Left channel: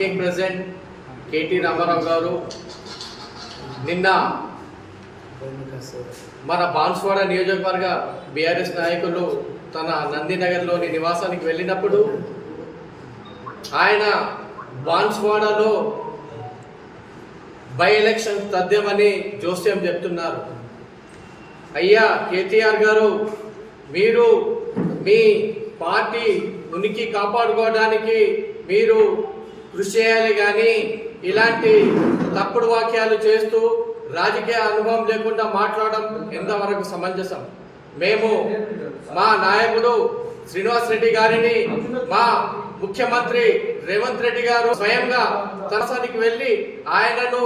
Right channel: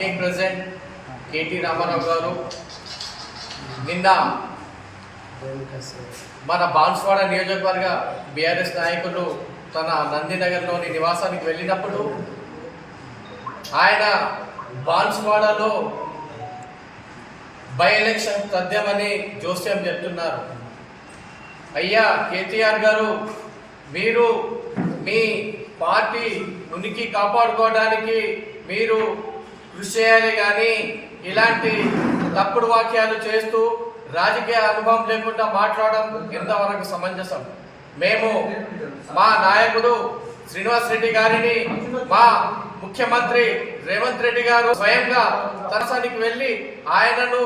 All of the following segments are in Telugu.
ప్రెసిడెంట్ కేటీ రామారావు గారు నిన్న మన బాన్స్వాడ నియోజకవర్గ బీఆర్ఎస్ నాయకులు తన నందినగర్లోని నివాసానికి వెళ్ళినప్పుడు ఆయన బాన్స్వాడలో బై ఎలక్షన్ తథ్యమని జోస్యం చెప్తున్నారు. అయ్యా కేటీఆర్ గారు మీరు మీ పార్టీ ఉనికి కాపాడుకోవడానికి మీరు కృషి చేయాలి కానీ ఇలాంటి తప్పుడు వాక్యాలు చేస్తూ రాజకీయ అనుభవం లేకుండా మాట్లాడడం ఎంతవరకు సమంజసం? మేము మా నాయకుడు శ్రీనివాస్ రెడ్డి గారిని మా ముఖ్యమంత్రి రేవంత్ రెడ్డి గారు స్వయంగా తనసానికి వెళ్ళి ఆయనను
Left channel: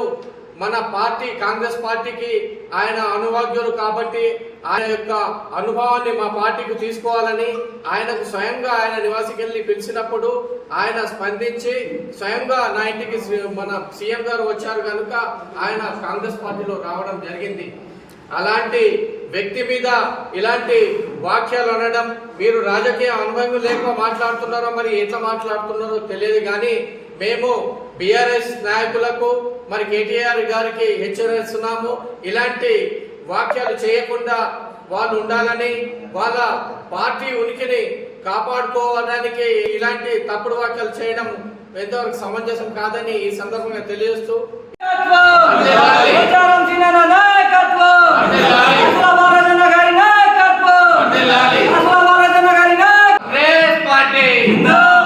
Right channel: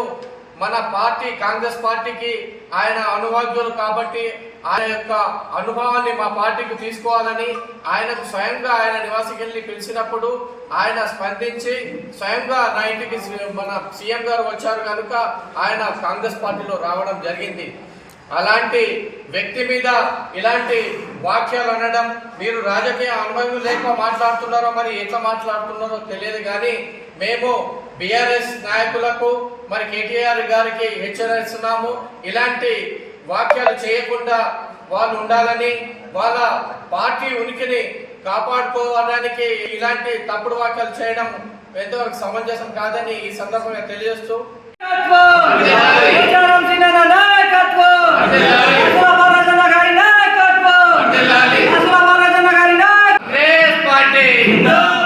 మన పార్టీ కాంగ్రెస్ పార్టీకి ఆయన అనుభవజ్ఞులు కాబట్టి ఆయన యొక్క అనుభవాన్ని మా పార్టీకి తీసుకోవాలని ఆయనకు స్వయంగా ఆయన నివాసికి వెళ్ళి పిలిచినప్పుడు ఆయన స్పందించి స్వయంగా నా ఇంటికి మన సీఎం గారు వచ్చారు కనుక ఆయన కాంగ్రెస్ పార్టీలో రావడం జరిగింది. అలాంటి వ్యక్తి మీద ఇలాంటి వాక్యాలు అనడం మీరు రాజకీయ అనుభవం లేక మాట్లాడుతున్నారో మరి ఎట్లా మాట్లాడుతున్నారో తెలియదు కానీ మేము బీఆర్ఎస్ నాయకులకు మరి కేటీఆర్ గారికి హెచ్చరిస్తున్నాము. ఇలాంటి వాక్యాలు చేయకుండా వాళ్ళు ఉండాలని వాళ్ళ పార్టీ ఉనికిని కాపాడుకోవడానికి ఇలాంటి తప్పుడు వాక్యాలు చేయడం ఎంతవరకు సమంజసం కాదని ఈ సందర్భంగా తెలియజేస్తూ No!